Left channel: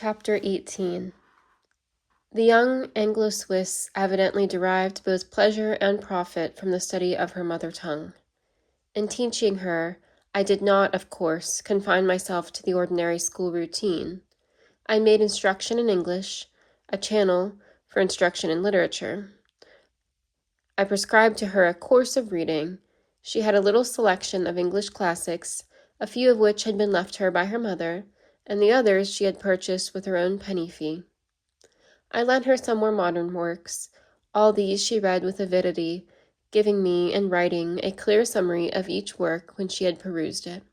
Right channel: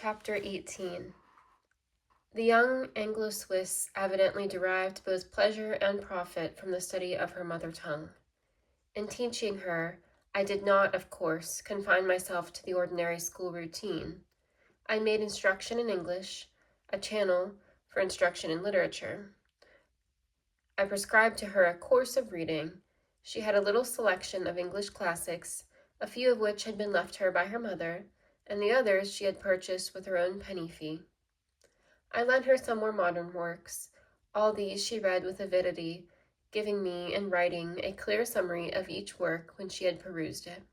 Chapter 18. The young Anglo-Swiss evidently derived both pleasure and profit from the study of her mother tongue. In teaching her, I did not, of course, confine myself to the ordinary school routine. I made instruction in English a channel for instruction in literature. I prescribed to her a course of reading. She had a little selection of English classics, a few of which had been left her by her mother, and the others she had purchased with her own penny fee. I lent her some more modern works. All these she read with avidity, giving me, in writing, a clear summary of each work when she had perused it.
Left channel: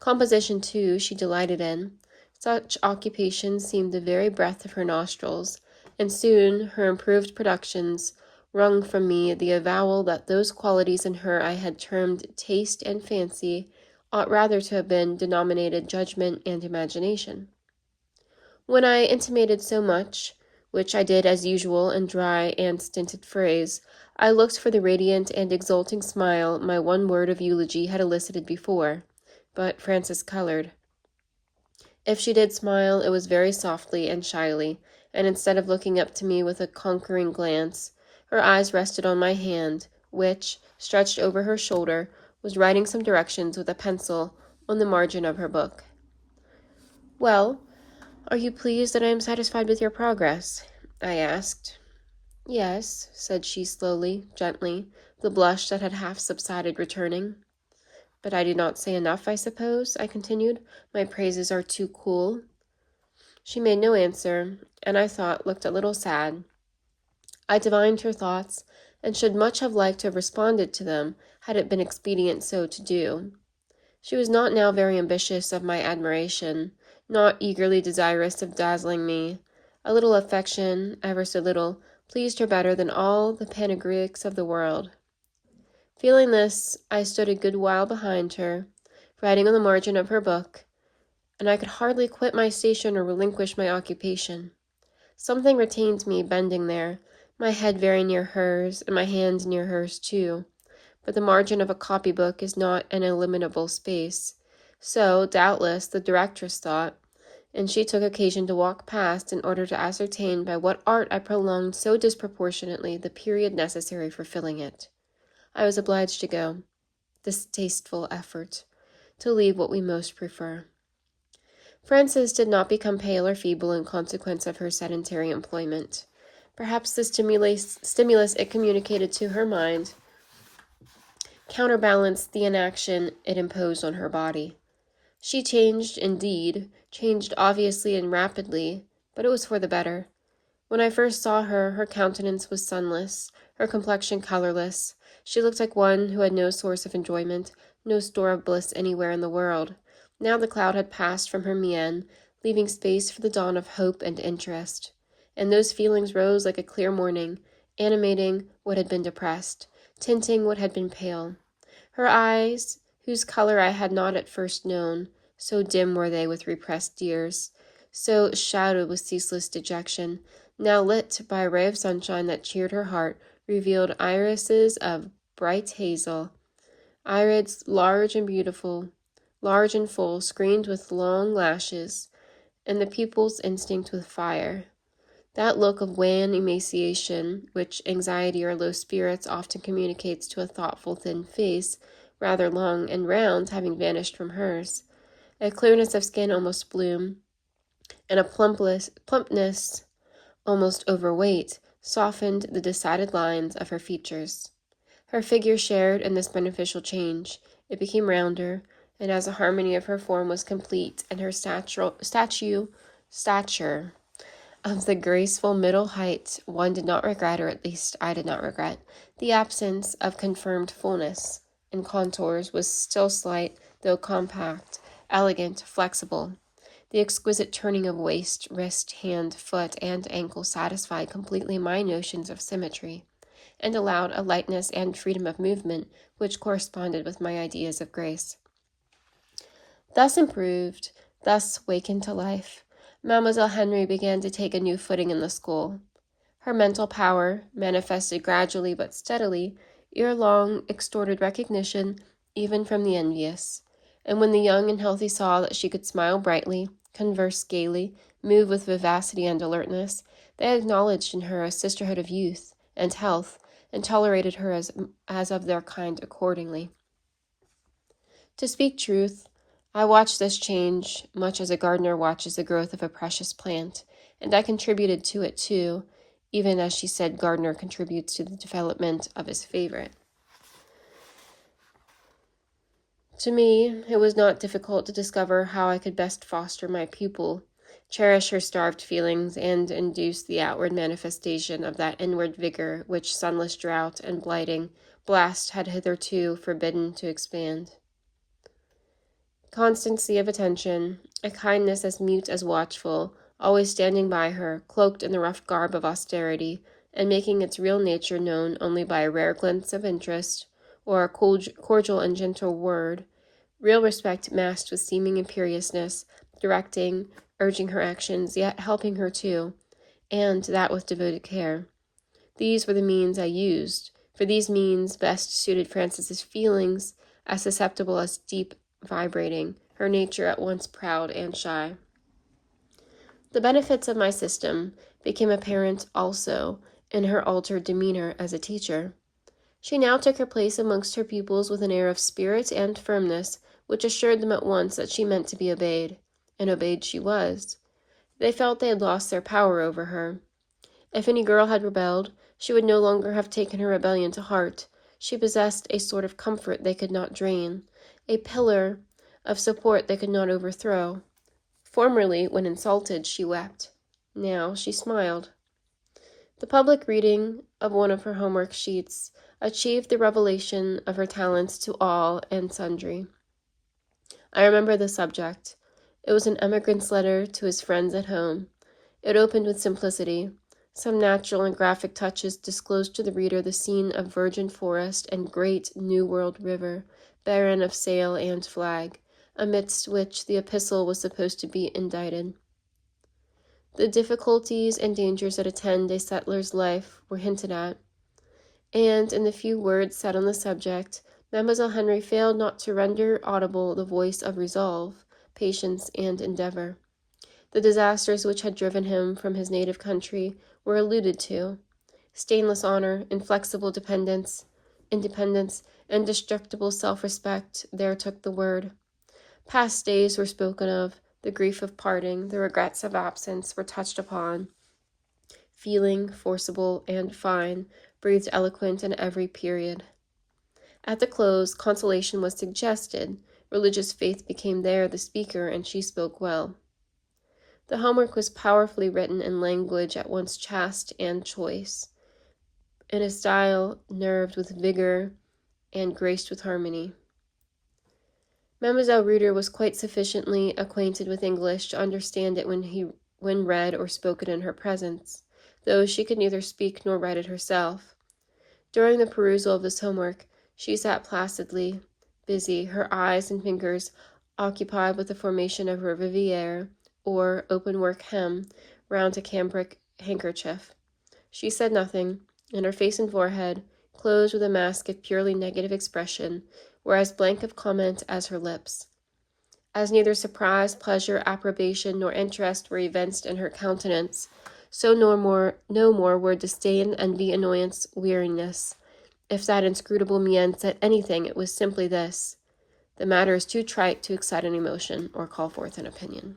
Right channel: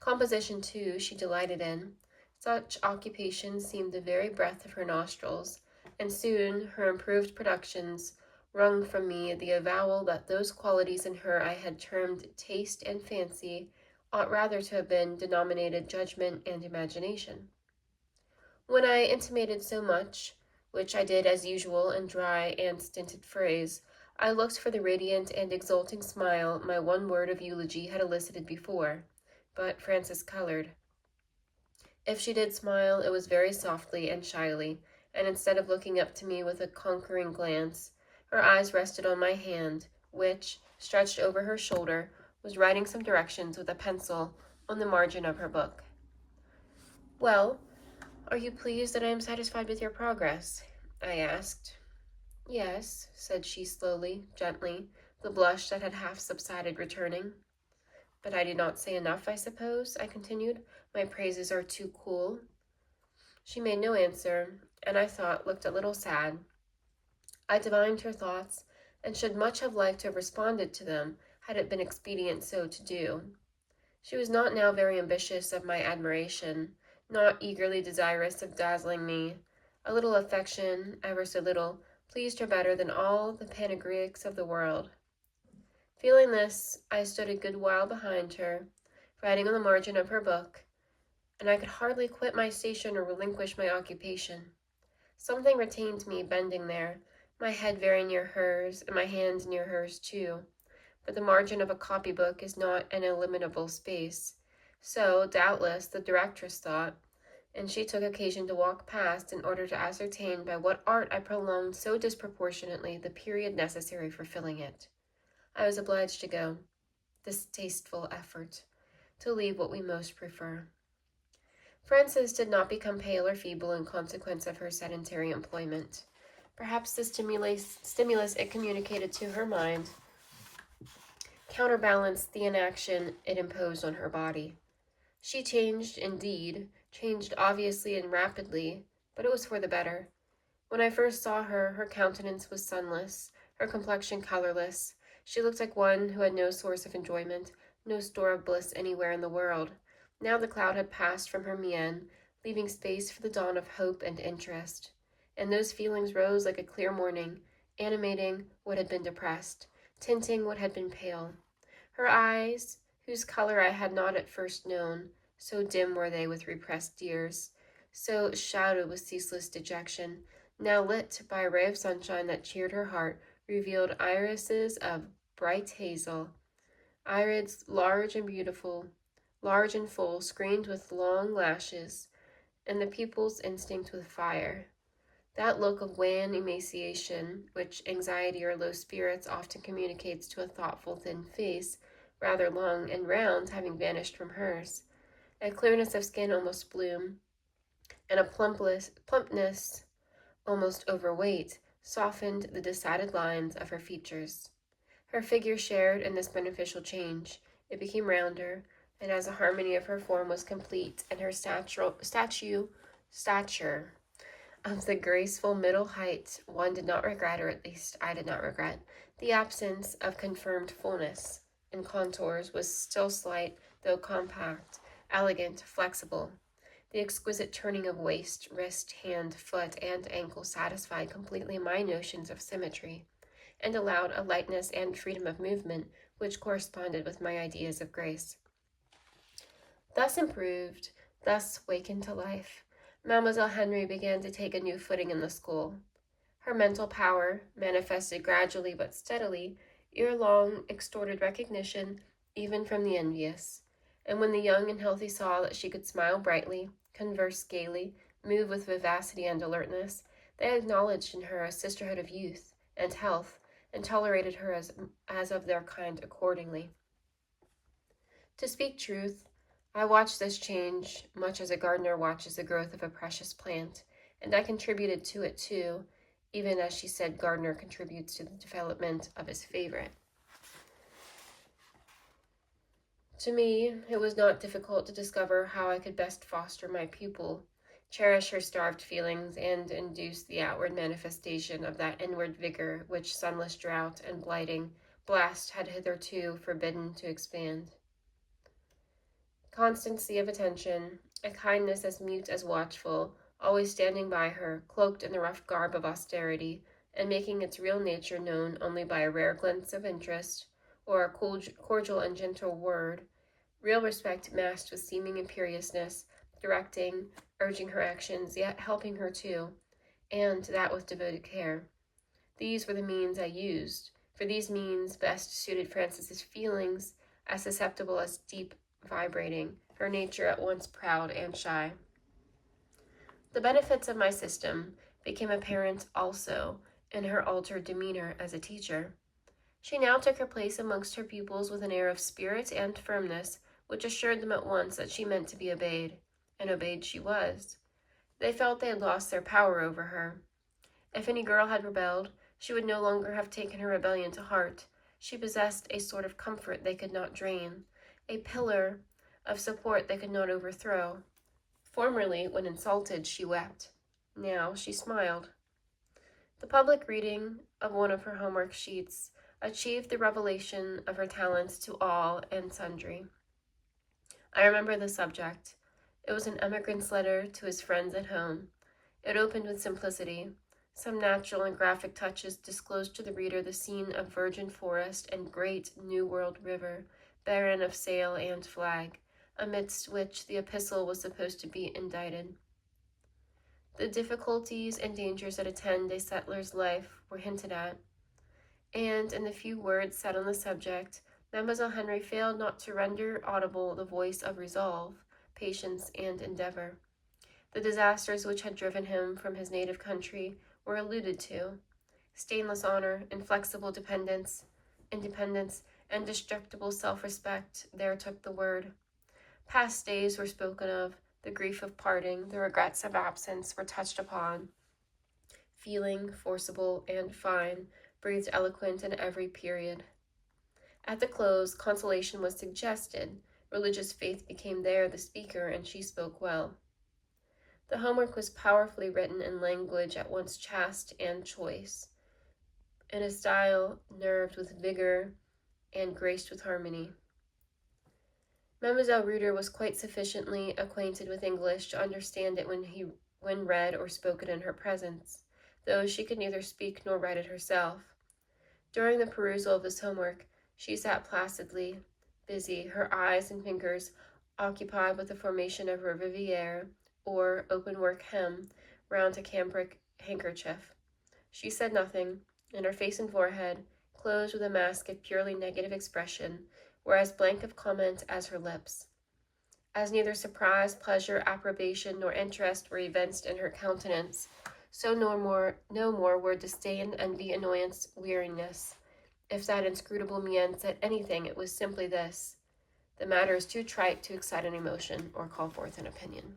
Composition, too, she delighted in. Such occupation seemed the very breath of her nostrils, and soon her improved productions wrung from me the avowal that those qualities in her I had termed taste and fancy ought rather to have been denominated judgment and imagination. When I intimated so much, which I did as usual in dry and stinted phrase, I looked for the radiant and exulting smile my one word of eulogy had elicited before, but Frances colored. If she did smile, it was very softly and shyly, and instead of looking up to me with a conquering glance, her eyes rested on my hand, which, stretched over her shoulder, was writing some directions with a pencil on the margin of her book. "Well, are you pleased that I am satisfied with your progress?" I asked. "Yes," said she slowly, gently, the blush that had half subsided returning. "But I do not say enough, I suppose," I continued. "My praises are too cool." She made no answer, and I thought looked a little sad. I divined her thoughts, and should much have liked to have responded to them, had it been expedient so to do. She was not now very ambitious of my admiration, not eagerly desirous of dazzling me. A little affection, ever so little, pleased her better than all the panegyrics of the world. Feeling this, I stood a good while behind her, writing on the margin of her book, and I could hardly quit my station or relinquish my occupation. Something retained me bending there, my head very near hers, and my hand near hers too. But the margin of a copybook is not an illimitable space. So, doubtless, the directress thought, and she took occasion to walk past in order to ascertain by what art I prolonged so disproportionately the period necessary for filling it. I was obliged to go. Distasteful effort, to leave what we most prefer. Frances did not become pale or feeble in consequence of her sedentary employment. Perhaps the stimulus it communicated to her mind counterbalanced the inaction it imposed on her body. She changed, indeed, changed obviously and rapidly, but it was for the better. When I first saw her, her countenance was sunless, her complexion colorless. She looked like one who had no source of enjoyment, no store of bliss anywhere in the world. Now the cloud had passed from her mien, leaving space for the dawn of hope and interest. And those feelings rose like a clear morning, animating what had been depressed, tinting what had been pale. Her eyes, whose color I had not at first known, so dim were they with repressed tears, so shadowed with ceaseless dejection, now lit by a ray of sunshine that cheered her heart, revealed irises of bright hazel, irids large and beautiful, large and full, screened with long lashes, and the pupils instinct with fire. That look of wan emaciation, which anxiety or low spirits often communicates to a thoughtful thin face, rather long and round, having vanished from hers. A clearness of skin almost bloom, and a plumpness almost overweight, softened the decided lines of her features. Her figure shared in this beneficial change. It became rounder, and as the harmony of her form was complete, and her stature of the graceful middle height, one did not regret, or at least I did not regret, the absence of confirmed fullness, and contours was still slight, though compact, elegant, flexible. The exquisite turning of waist, wrist, hand, foot, and ankle satisfied completely my notions of symmetry, and allowed a lightness and freedom of movement which corresponded with my ideas of grace. Thus improved, thus wakened to life, Mademoiselle Henry began to take a new footing in the school. Her mental power, manifested gradually but steadily, ere long extorted recognition even from the envious, and when the young and healthy saw that she could smile brightly, converse gaily, move with vivacity and alertness, they acknowledged in her a sisterhood of youth and health, and tolerated her as of their kind accordingly. To speak truth, I watched this change much as a gardener watches the growth of a precious plant, and I contributed to it too, even as she said gardener contributes to the development of his favorite. To me, it was not difficult to discover how I could best foster my pupil, cherish her starved feelings, and induce the outward manifestation of that inward vigor which sunless drought and blighting blast had hitherto forbidden to expand. Constancy of attention, a kindness as mute as watchful, always standing by her, cloaked in the rough garb of austerity, and making its real nature known only by a rare glance of interest, or a cordial and gentle word, real respect masked with seeming imperiousness, directing, urging her actions, yet helping her too, and that with devoted care. These were the means I used, for these means best suited Frances's feelings, as susceptible as deep vibrating, her nature at once proud and shy. The benefits of my system became apparent also in her altered demeanor as a teacher. She now took her place amongst her pupils with an air of spirit and firmness which assured them at once that she meant to be obeyed, and obeyed she was. They felt they had lost their power over her. If any girl had rebelled, she would no longer have taken her rebellion to heart. She possessed a sort of comfort they could not drain, a pillar of support they could not overthrow. Formerly, when insulted, she wept. Now she smiled. The public reading of one of her homework sheets achieved the revelation of her talents to all and sundry. I remember the subject. It was an emigrant's letter to his friends at home. It opened with simplicity. Some natural and graphic touches disclosed to the reader the scene of virgin forest and great New World river, barren of sail and flag, amidst which the epistle was supposed to be indited. The difficulties and dangers that attend a settler's life were hinted at, and in the few words said on the subject, Mademoiselle Henry failed not to render audible the voice of resolve, patience, and endeavor. The disasters which had driven him from his native country were alluded to. Stainless honor, inflexible independence, indestructible self-respect there took the word. Past days were spoken of, the grief of parting, the regrets of absence were touched upon. Feeling, forcible, and fine, breathed eloquent in every period. At the close, consolation was suggested. Religious faith became there the speaker, and she spoke well. The homework was powerfully written in language at once chaste and choice, in a style nerved with vigor and graced with harmony. Mademoiselle Reuter was quite sufficiently acquainted with English to understand it when read or spoken in her presence, though she could neither speak nor write it herself. During the perusal of this homework, she sat placidly, busy, her eyes and fingers occupied with the formation of her riviere, or open-work hem, round a cambric handkerchief. She said nothing, and her face and forehead, closed with a mask of purely negative expression, were as blank of comment as her lips. As neither surprise, pleasure, approbation, nor interest were evinced in her countenance, so no more were disdain, envy, annoyance, weariness. If that inscrutable mien said anything, it was simply this: the matter is too trite to excite an emotion or call forth an opinion.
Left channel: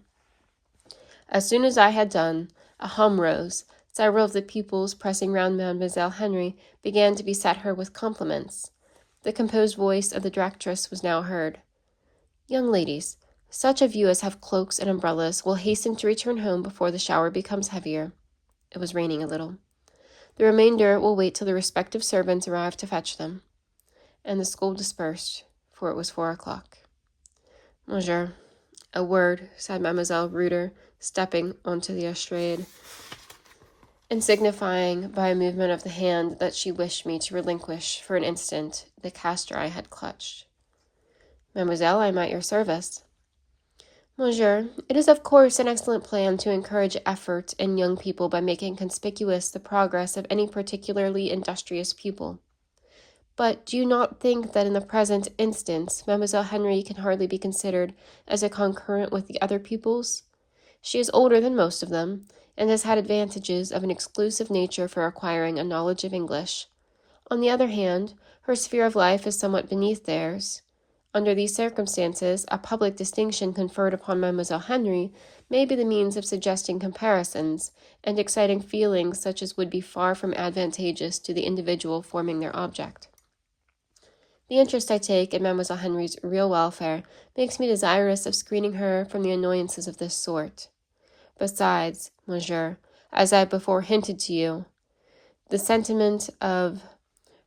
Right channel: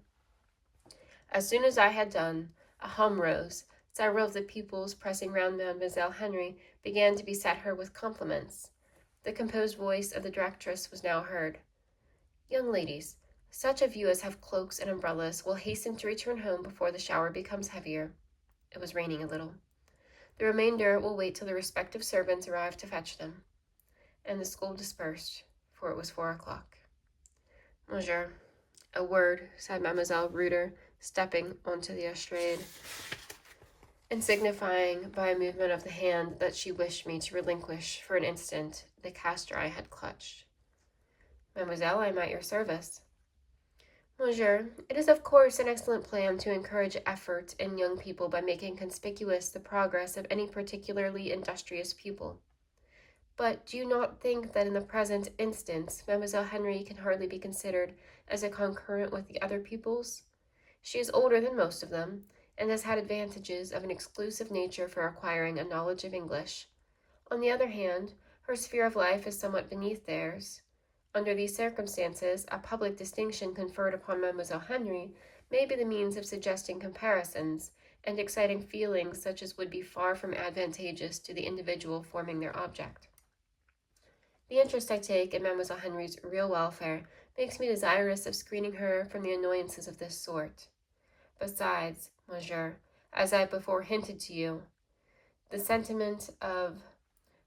As soon as I had done, a hum rose. Several of the pupils, pressing round Mademoiselle Henry, began to beset her with compliments. The composed voice of the directress was now heard. Young ladies, such of you as have cloaks and umbrellas will hasten to return home before the shower becomes heavier. It was raining a little. The remainder will wait till the respective servants arrive to fetch them. And the school dispersed, for it was 4:00. Monsieur, a word, said Mademoiselle Reuter, stepping onto the estrade, and signifying by a movement of the hand that she wished me to relinquish for an instant the castor I had clutched. Mademoiselle, I am at your service. Monsieur, it is of course an excellent plan to encourage effort in young people by making conspicuous the progress of any particularly industrious pupil. But do you not think that in the present instance Mademoiselle Henry can hardly be considered as a concurrent with the other pupils? She is older than most of them, and has had advantages of an exclusive nature for acquiring a knowledge of English. On the other hand, her sphere of life is somewhat beneath theirs. Under these circumstances, a public distinction conferred upon Mademoiselle Henry may be the means of suggesting comparisons and exciting feelings such as would be far from advantageous to the individual forming their object. The interest I take in Mademoiselle Henry's real welfare makes me desirous of screening her from the annoyances of this sort. Besides, monsieur, as I have before hinted to you, the sentiment of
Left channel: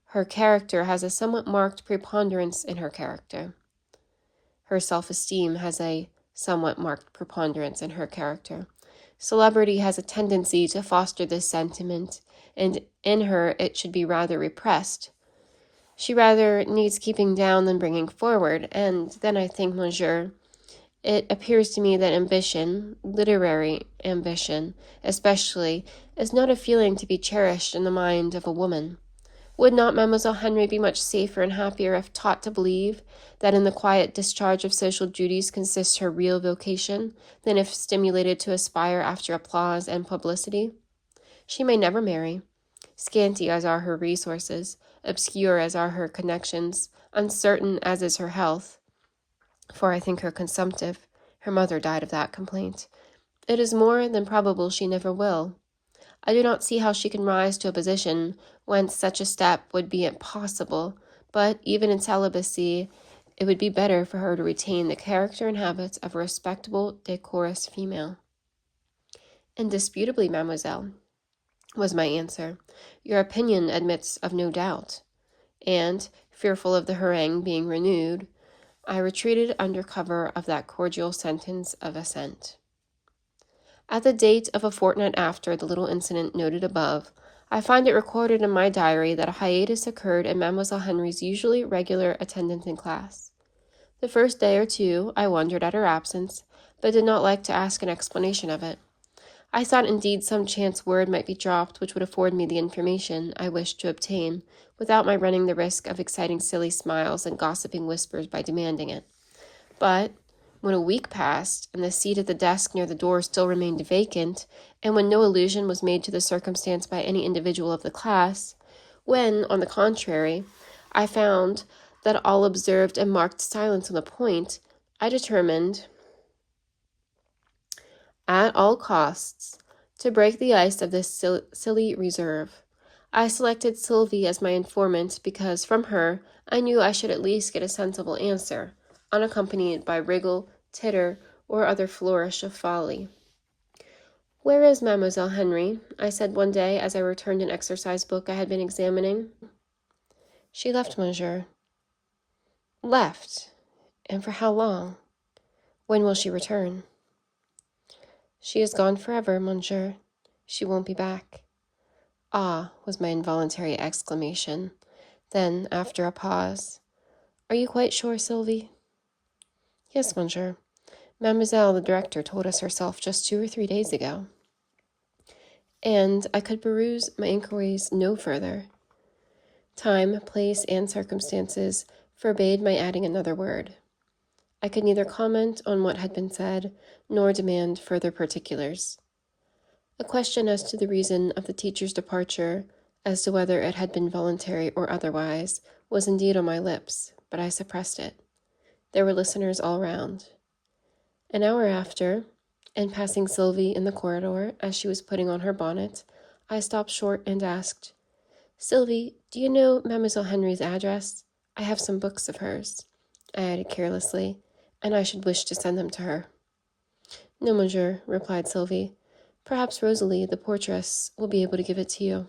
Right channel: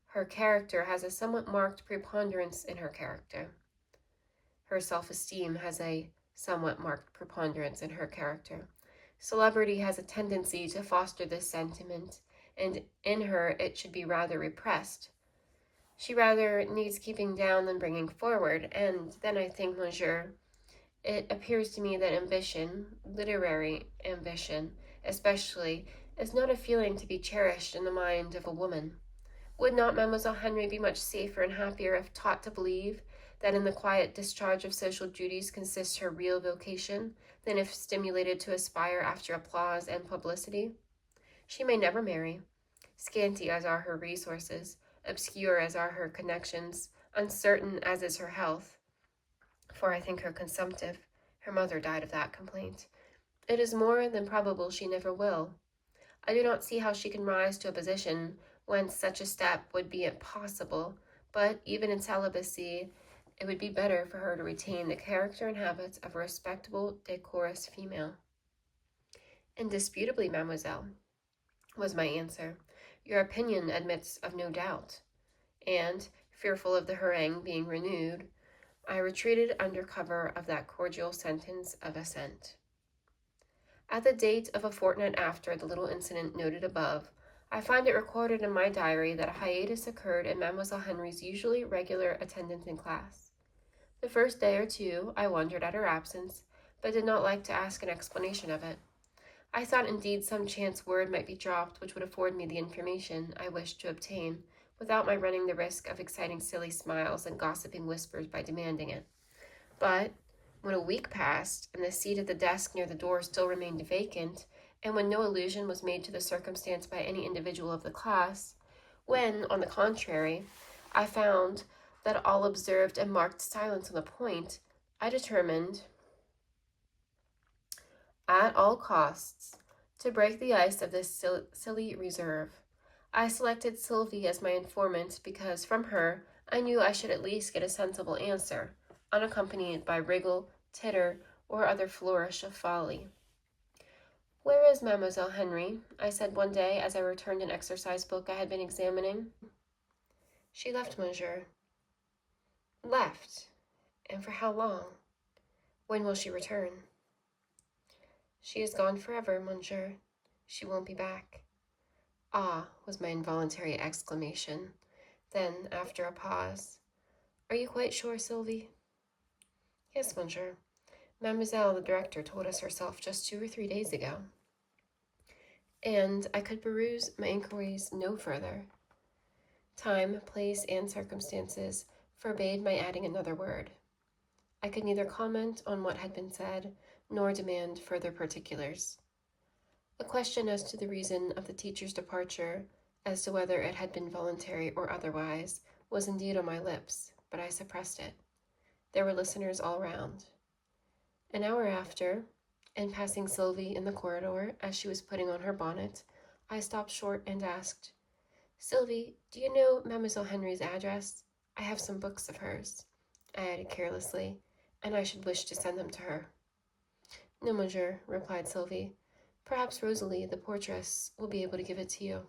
her character has a somewhat marked preponderance in her character. Her self-esteem has a somewhat marked preponderance in her character. Celebrity has a tendency to foster this sentiment, and in her it should be rather repressed. She rather needs keeping down than bringing forward, and then I think, monsieur, it appears to me that ambition, literary ambition especially, is not a feeling to be cherished in the mind of a woman. Would not Mademoiselle Henry be much safer and happier if taught to believe that in the quiet discharge of social duties consists her real vocation, than if stimulated to aspire after applause and publicity? She may never marry. Scanty as are her resources, obscure as are her connections, uncertain as is her health, for I think her consumptive. Her mother died of that complaint. It is more than probable she never will. I do not see how she can rise to a position whence such a step would be impossible, but even in celibacy, it would be better for her to retain the character and habits of a respectable, decorous female. Indisputably, mademoiselle, was my answer. Your opinion admits of no doubt. And, fearful of the harangue being renewed, I retreated under cover of that cordial sentence of assent. At the date of a fortnight after the little incident noted above, I find it recorded in my diary that a hiatus occurred in Mademoiselle Henry's usually regular attendance in class. The first day or two I wondered at her absence, but did not like to ask an explanation of it. I thought indeed some chance word might be dropped which would afford me the information I wished to obtain, without my running the risk of exciting silly smiles and gossiping whispers by demanding it. But when a week passed, and the seat at the desk near the door still remained vacant, and when no allusion was made to the circumstance by any individual of the class, when, on the contrary, I found that all observed a marked silence on the point, I determined, at all costs, to break the ice of this silly reserve. I selected Sylvie as my informant because from her I knew I should at least get a sensible answer, unaccompanied by wriggle, titter, or other flourish of folly. "Where is Mademoiselle Henry?" I said one day as I returned an exercise book I had been examining. "She left, monsieur." "Left? And for how long? When will she return?" "She is gone forever, monsieur. She won't be back." "Ah," was my involuntary exclamation. Then, after a pause, "Are you quite sure, Sylvie?" "Yes, monsieur. Mademoiselle, the director, told us herself just 2 or 3 days ago." And I could peruse my inquiries no further. Time, place, and circumstances forbade my adding another word. I could neither comment on what had been said, nor demand further particulars. A question as to the reason of the teacher's departure, as to whether it had been voluntary or otherwise, was indeed on my lips, but I suppressed it. There were listeners all round. An hour after, and passing Sylvie in the corridor as she was putting on her bonnet, I stopped short and asked, "Sylvie, do you know Mademoiselle Henry's address? I have some books of hers," I added carelessly, "and I should wish to send them to her." "No, monsieur," replied Sylvie. "Perhaps Rosalie, the portress, will be able to give it to you."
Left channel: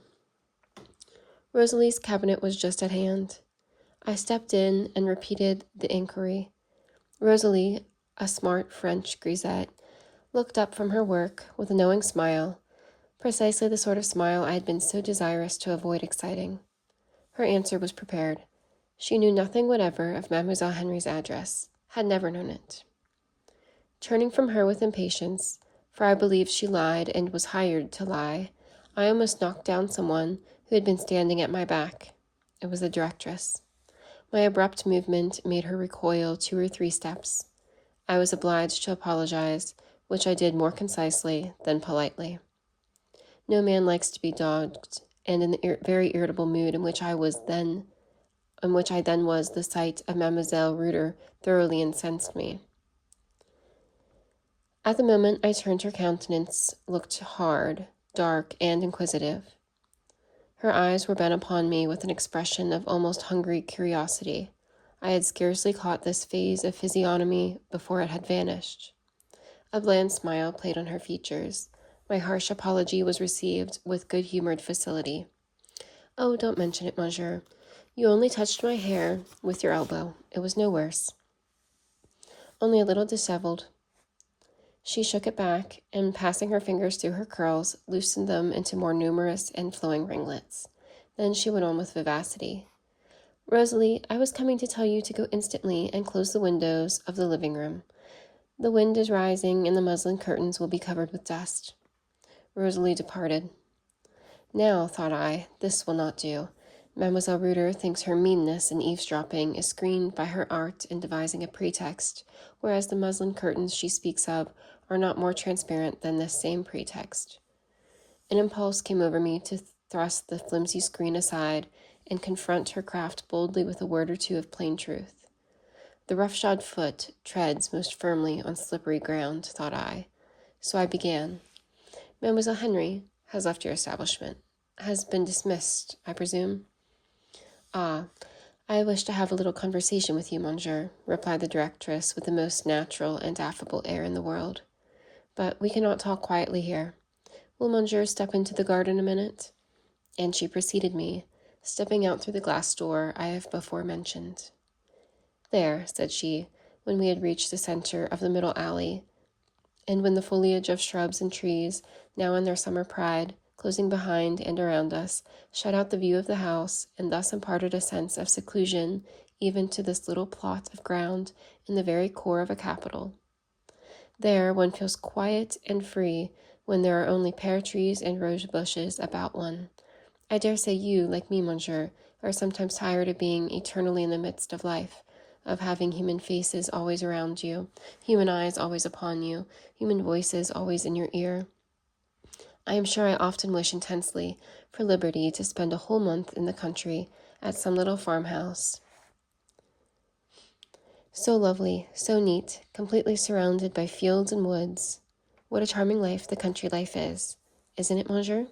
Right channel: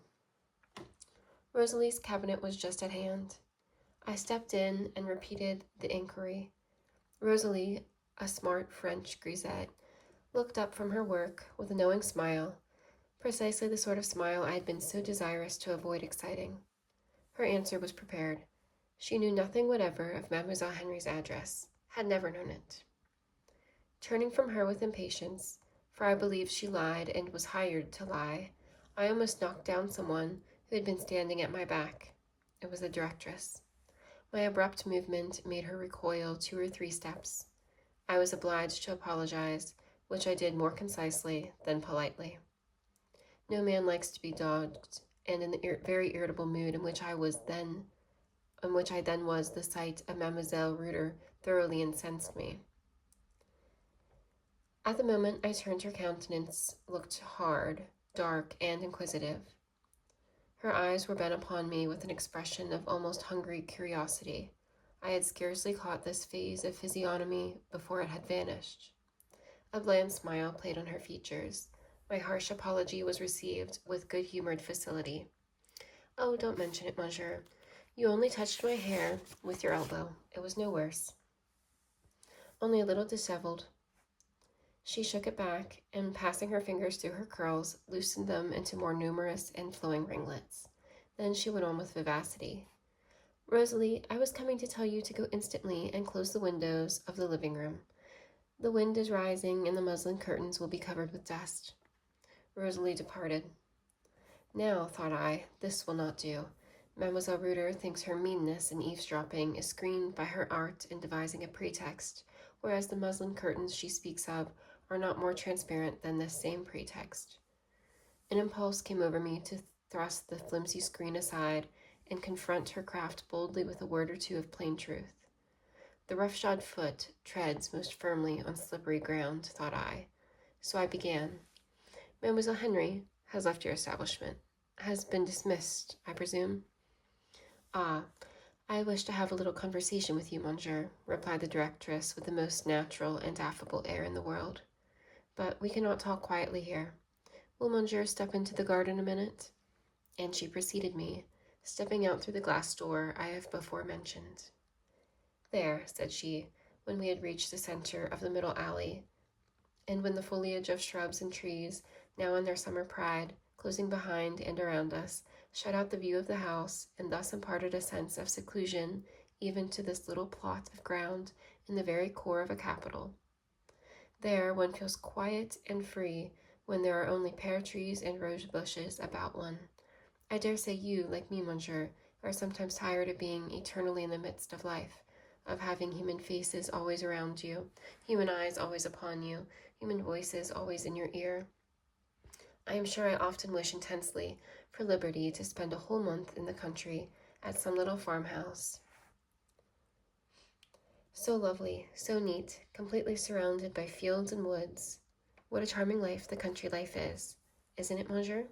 Rosalie's cabinet was just at hand. I stepped in and repeated the inquiry. Rosalie, a smart French grisette, looked up from her work with a knowing smile, precisely the sort of smile I had been so desirous to avoid exciting. Her answer was prepared. She knew nothing whatever of Mademoiselle Henry's address, had never known it. Turning from her with impatience, for I believed she lied and was hired to lie, I almost knocked down someone who had been standing at my back. It was the directress. My abrupt movement made her recoil 2 or 3 steps. I was obliged to apologize, which I did more concisely than politely. No man likes to be dogged, and in the very irritable mood in which I then was, the sight of Mademoiselle Reuter thoroughly incensed me. At the moment I turned, her countenance looked hard, dark, and inquisitive. Her eyes were bent upon me with an expression of almost hungry curiosity. I had scarcely caught this phase of physiognomy before it had vanished. A bland smile played on her features. My harsh apology was received with good-humored facility. "Oh, don't mention it, monsieur. You only touched my hair with your elbow. It was no worse. Only a little disheveled." She shook it back, and passing her fingers through her curls, loosened them into more numerous and flowing ringlets. Then she went on with vivacity. "Rosalie, I was coming to tell you to go instantly and close the windows of the living room. The wind is rising, and the muslin curtains will be covered with dust." Rosalie departed. Now, thought I, this will not do. Mademoiselle Reuter thinks her meanness in eavesdropping is screened by her art in devising a pretext, whereas the muslin curtains she speaks of are not more transparent than this same pretext. An impulse came over me to thrust the flimsy screen aside and confront her craft boldly with a word or two of plain truth. The roughshod foot treads most firmly on slippery ground, thought I. So I began. "Mademoiselle Henry has left your establishment. Has been dismissed, I presume?" "Ah, I wish to have a little conversation with you, monsieur," replied the directress with the most natural and affable air in the world. "But we cannot talk quietly here. Will monsieur step into the garden a minute?" And she preceded me, stepping out through the glass door I have before mentioned. "There," said she, when we had reached the center of the middle alley, and when the foliage of shrubs and trees, now in their summer pride, closing behind and around us, shut out the view of the house, and thus imparted a sense of seclusion even to this little plot of ground in the very core of a capital. There one feels quiet and free when there are only pear trees and rose bushes about one. I dare say you, like me, monsieur, are sometimes tired of being eternally in the midst of life, of having human faces always around you, human eyes always upon you, human voices always in your ear. I am sure I often wish intensely for liberty to spend a whole month in the country at some little farmhouse. So lovely, so neat, completely surrounded by fields and woods. What a charming life the country life is, isn't it, monsieur?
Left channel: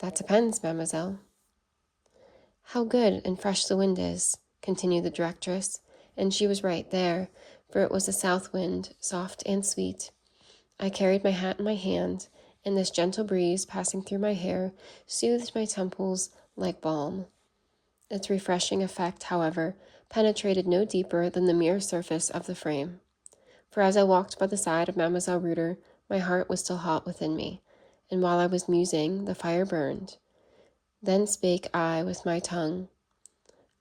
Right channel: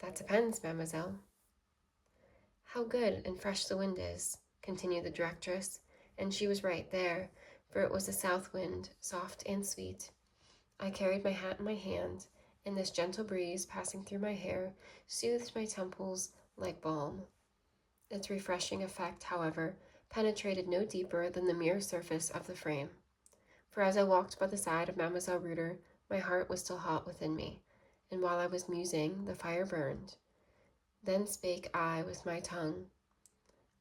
That depends, mademoiselle. How good and fresh the wind is, continued the directress, and she was right there, for it was a south wind, soft and sweet. I carried my hat in my hand, and this gentle breeze passing through my hair soothed my temples like balm. Its refreshing effect, however, penetrated no deeper than the mere surface of the frame, for as I walked by the side of Mademoiselle Reuter, my heart was still hot within me, and while I was musing, the fire burned. Then spake I with my tongue.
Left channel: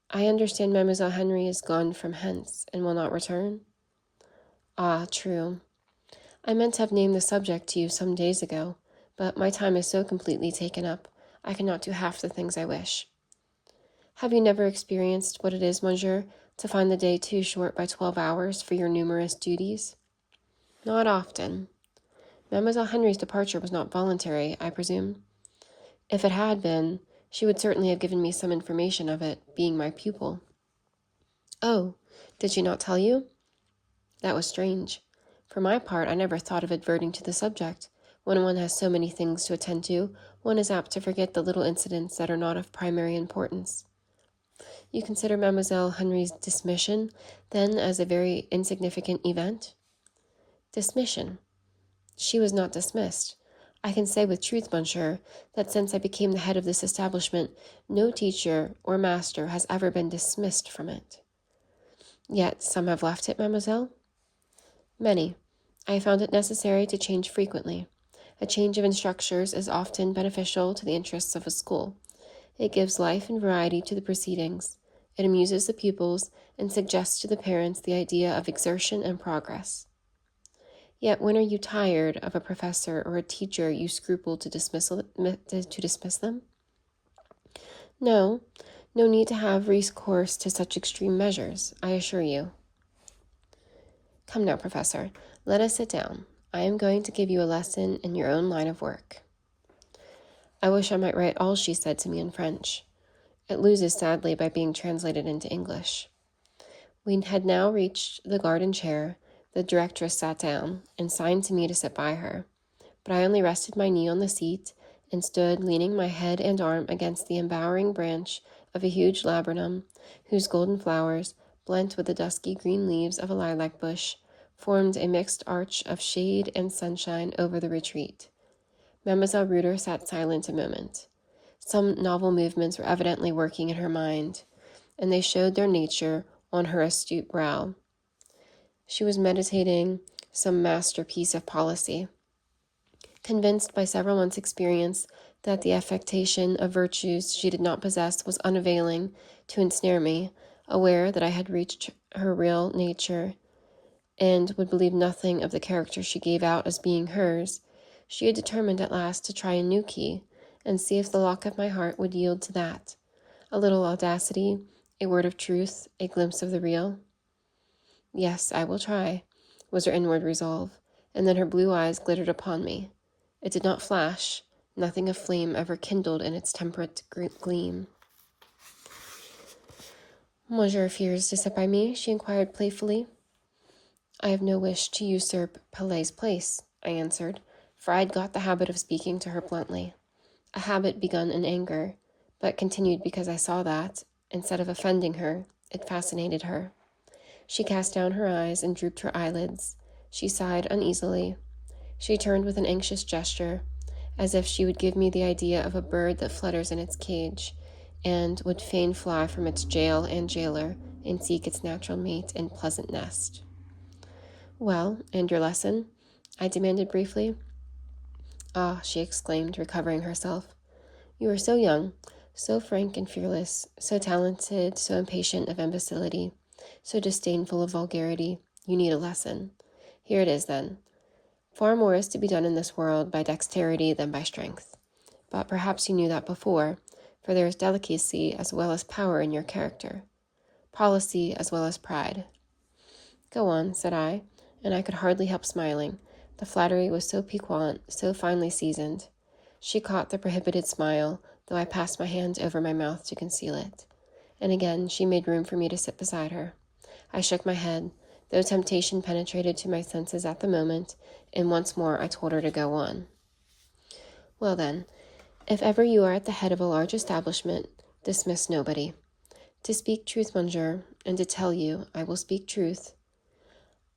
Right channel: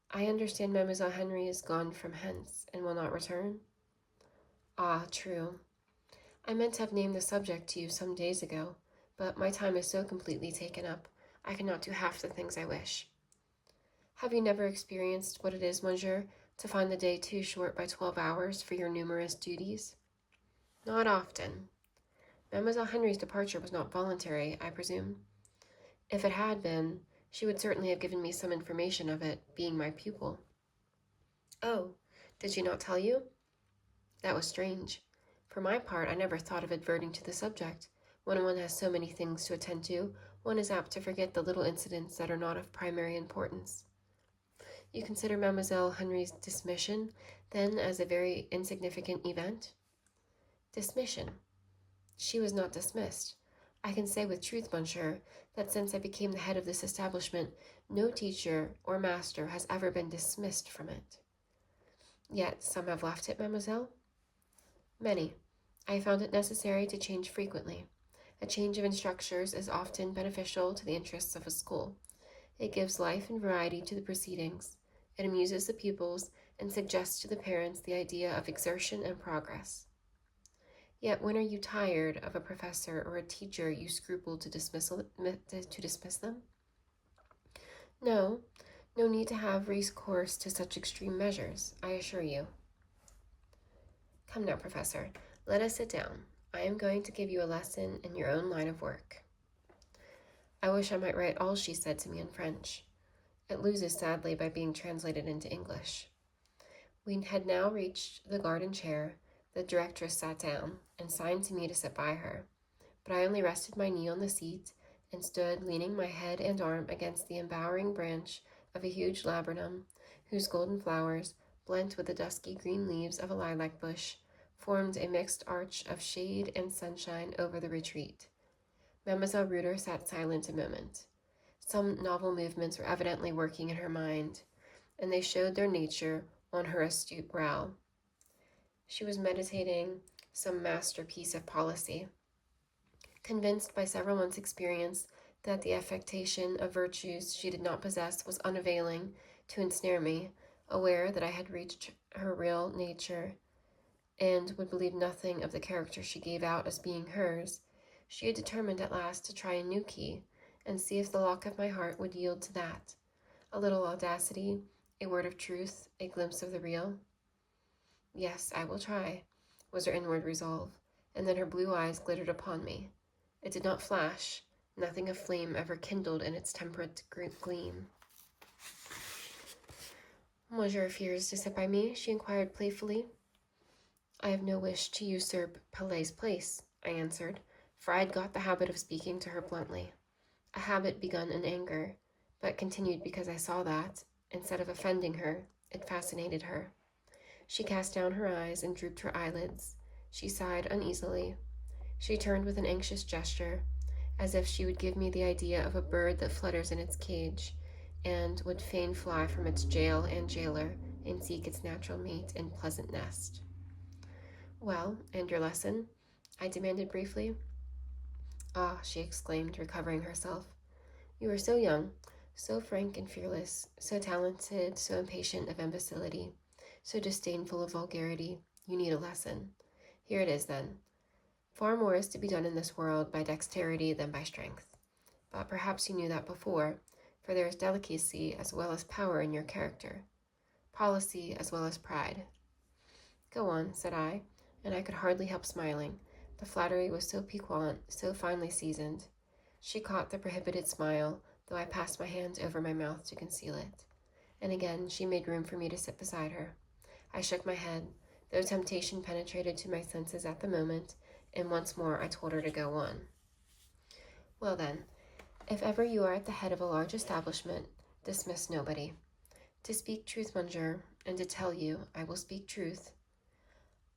"I understand Mademoiselle Henry is gone from hence, and will not return?" "Ah, true. I meant to have named the subject to you some days ago, but my time is so completely taken up, I cannot do half the things I wish." "Have you never experienced what it is, monsieur, to find the day too short by 12 hours for your numerous duties?" "Not often. Mademoiselle Henry's departure was not voluntary, I presume?" "If it had been, she would certainly have given me some information of it, being my pupil." "Oh, did she not tell you?" "That was strange. For my part, I never thought of adverting to the subject. When one has so many things to attend to, one is apt to forget the little incidents that are not of primary importance." "You consider Mademoiselle Henry's dismission, then, as a very insignificant event?" "Dismission? She was not dismissed. I can say with truth, monsieur, that since I became the head of this establishment, no teacher or master has ever been dismissed from it." "Yet some have left it, mademoiselle?" "Many. I found it necessary to change frequently. A change of instructors is often beneficial to the interests of a school. It gives life and variety to the proceedings. It amuses the pupils and suggests to the parents the idea of exertion and progress. Yet when are you tired of a professor or a teacher you scruple to dismiss them? No, no need to have recourse to such extreme measures, I assure you." "Come now, professor, let us sit down. I am going to give you a lesson in your own line of work. I wish I might write all she said to me in French. It loses sadly by being translated into English. We had now reached the garden chair. The directress sat down and signed to me to sit by her, but I only rested my knee on the seat and stood leaning my head and arm against the embowering branch of a huge laburnum, whose golden flowers, blent with the dusky green leaves of a lilac bush, formed a mixed arch of shade and sunshine over the retreat. Mademoiselle Reuter sat silent a moment. Some novel movements were evidently working in her mind, and they showed their nature on her astute brow. She was meditating some masterpiece of policy. Convinced by several months' experience that the affectation of virtues she did not possess was unavailing to ensnare me, aware that I had reached her real nature and would believe nothing of the character she gave out as being hers, she had determined at last to try a new key and see if the lock of my heart would yield to that. A little audacity, a word of truth, a glimpse of the real. Yes, I will try, was her inward resolve, and then her blue eyes glittered upon me. It did not flash. Nothing of flame ever kindled in its temperate gleam. Monsieur fears to sit by me? She inquired playfully. I have no wish to usurp Pelet's place, I answered, for I had got the habit of speaking to her bluntly. A habit begun in anger, but continued because I saw that, instead of offending her, it fascinated her. She cast down her eyes and drooped her eyelids. She sighed uneasily. She turned with an anxious gesture, as if she would give me the idea of a bird that flutters in its cage, and would fain fly from its jail and jailer, and seek its natural mate and pleasant nest. Well, and your lesson? I demanded briefly. Ah, she exclaimed, recovering herself. You are so young, so frank and fearless, so talented, so impatient of imbecility, so disdainful of vulgarity. You need a lesson. Here it is, then. Far more is to be done in this world by dexterity than by strength. But perhaps you knew that before, for there is delicacy as well as power in your character, policy as well as pride. Go on, said I, and I could hardly help smiling. The flattery was so piquant, so finely seasoned. She caught the prohibited smile, though I passed my hand over my mouth to conceal it. And again she made room for me to sit beside her. I shook my head, though temptation penetrated to my senses at the moment, and once more I told her to go on. Well then, if ever you are at the head of a large establishment, dismiss nobody. To speak truth, monsieur, and to tell you, I will speak truth.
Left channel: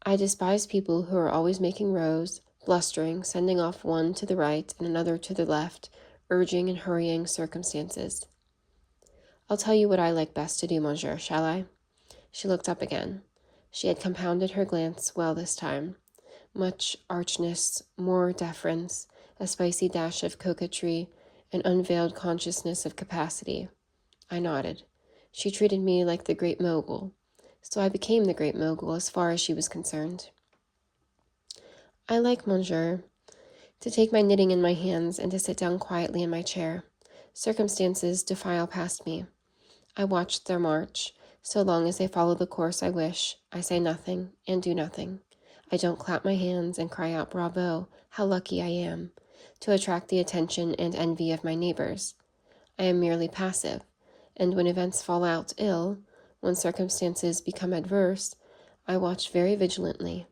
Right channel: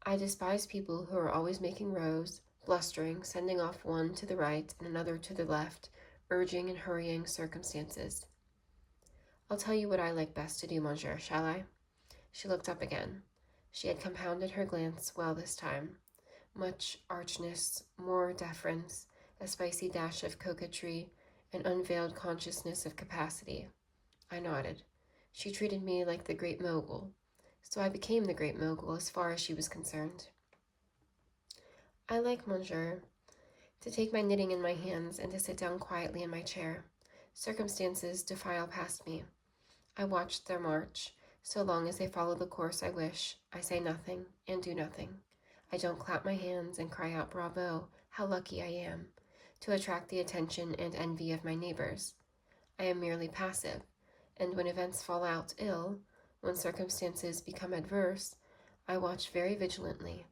I despise people who are always making rows, blustering, sending off one to the right and another to the left, urging and hurrying circumstances. I'll tell you what I like best to do, monsieur, shall I? She looked up again. She had compounded her glance well this time. Much archness, more deference, a spicy dash of coquetry, an unveiled consciousness of capacity. I nodded. She treated me like the great mogul, so I became the great mogul as far as she was concerned. I like, monsieur, to take my knitting in my hands and to sit down quietly in my chair. Circumstances defile past me. I watch their march. So long as they follow the course I wish, I say nothing and do nothing. I don't clap my hands and cry out, bravo, how lucky I am, to attract the attention and envy of my neighbors. I am merely passive, and when events fall out ill, when circumstances become adverse, I watch very vigilantly.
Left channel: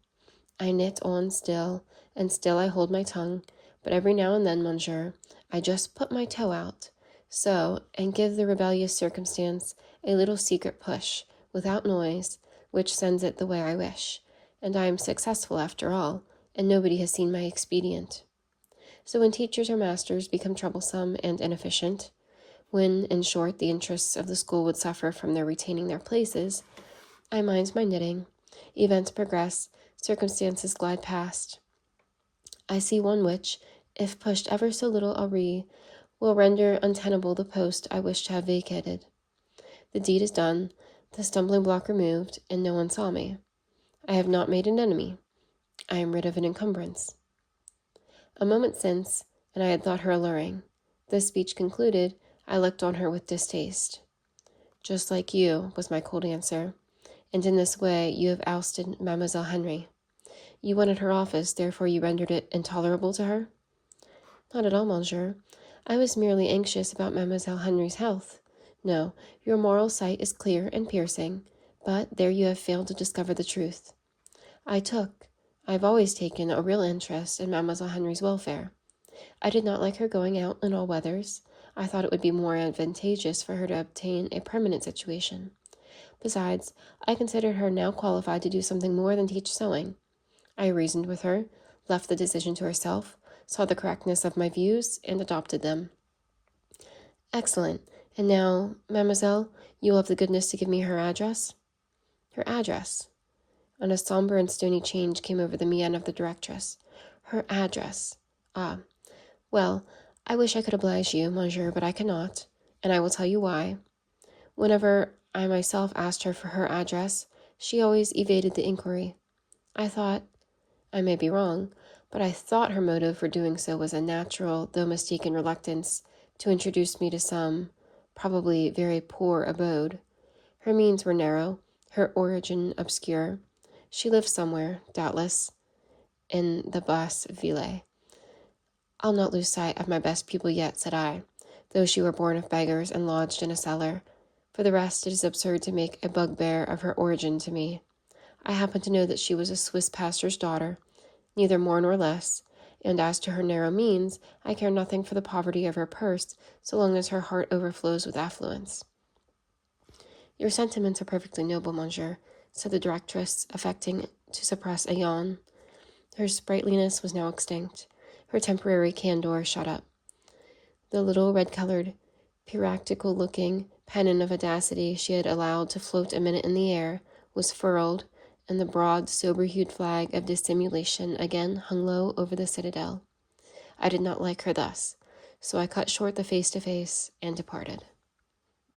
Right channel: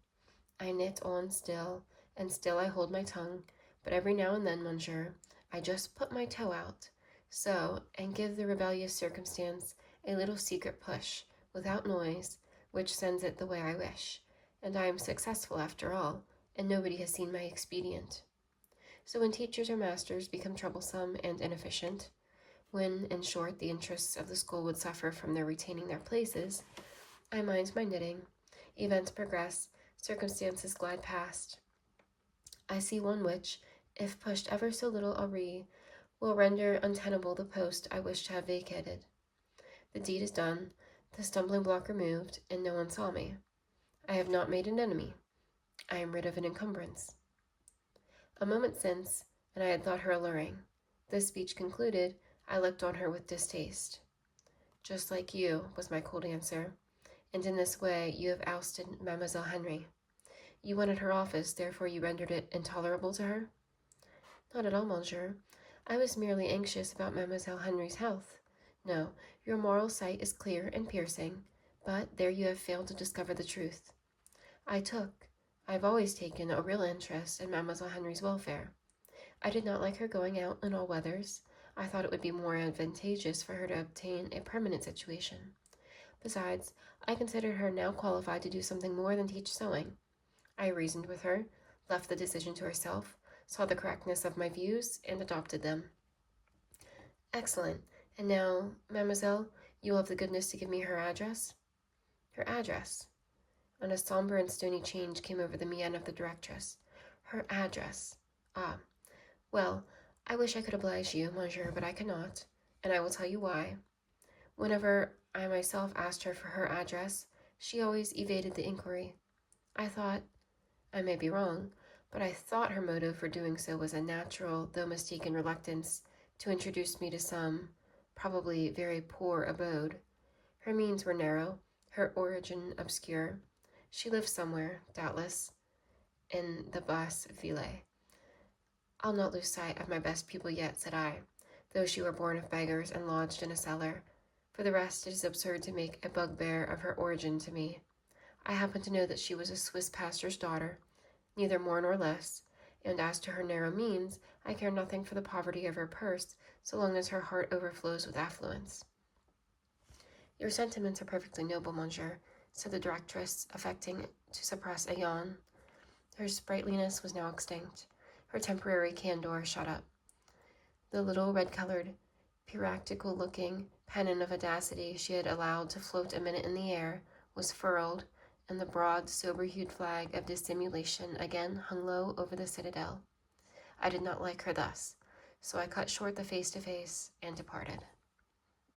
I knit on still, and still I hold my tongue, but every now and then, monsieur, I just put my toe out, so, and give the rebellious circumstance a little secret push, without noise, which sends it the way I wish, and I am successful after all, and nobody has seen my expedient. So when teachers or masters become troublesome and inefficient, when, in short, the interests of the school would suffer from their retaining their places, I mind my knitting. Events progress, circumstances glide past. I see one which, if pushed ever so little awry, will render untenable the post I wish to have vacated. The deed is done, the stumbling block removed, and no one saw me. I have not made an enemy. I am rid of an encumbrance. A moment since, and I had thought her alluring. This speech concluded, I looked on her with distaste. Just like you, was my cold answer, and in this way you have ousted Mademoiselle Henry. You wanted her office, therefore you rendered it intolerable to her? Not at all, monsieur. I was merely anxious about Mademoiselle Henry's health. No, your moral sight is clear and piercing, but there you have failed to discover the truth. I have always taken a real interest in Mademoiselle Henry's welfare. I did not like her going out in all weathers. I thought it would be more advantageous for her to obtain a permanent situation. Besides, I considered her now qualified to do something more than teach sewing. I reasoned with her, left the decision to herself, saw the correctness of my views, and adopted them. Excellent. And now, mademoiselle, you will have the goodness to give me her address? Her address? And a somber and stony change came over the mien of the directress. Her address. Ah, well, I wish I could oblige you, monsieur, but I cannot, and I will tell you why. Whenever I myself asked her for her address, she always evaded the inquiry. I may be wrong, but I thought her motive for doing so was a natural, though mistaken reluctance to introduce me to some, probably very poor abode. Her means were narrow, her origin obscure. She lived somewhere, doubtless, in the Basse Ville. I'll not lose sight of my best pupil yet, said I, though she were born of beggars and lodged in a cellar. For the rest, it is absurd to make a bugbear of her origin to me. I happen to know that she was a Swiss pastor's daughter, neither more nor less, and as to her narrow means, I care nothing for the poverty of her purse, so long as her heart overflows with affluence. Your sentiments are perfectly noble, monsieur, said the directress, affecting to suppress a yawn. Her sprightliness was now extinct, her temporary candor shut up. The little red-colored, piratical-looking pennon of audacity she had allowed to float a minute in the air was furled, and the broad, sober-hued flag of dissimulation again hung low over the citadel. I did not like her thus, so I cut short the face-to-face and departed.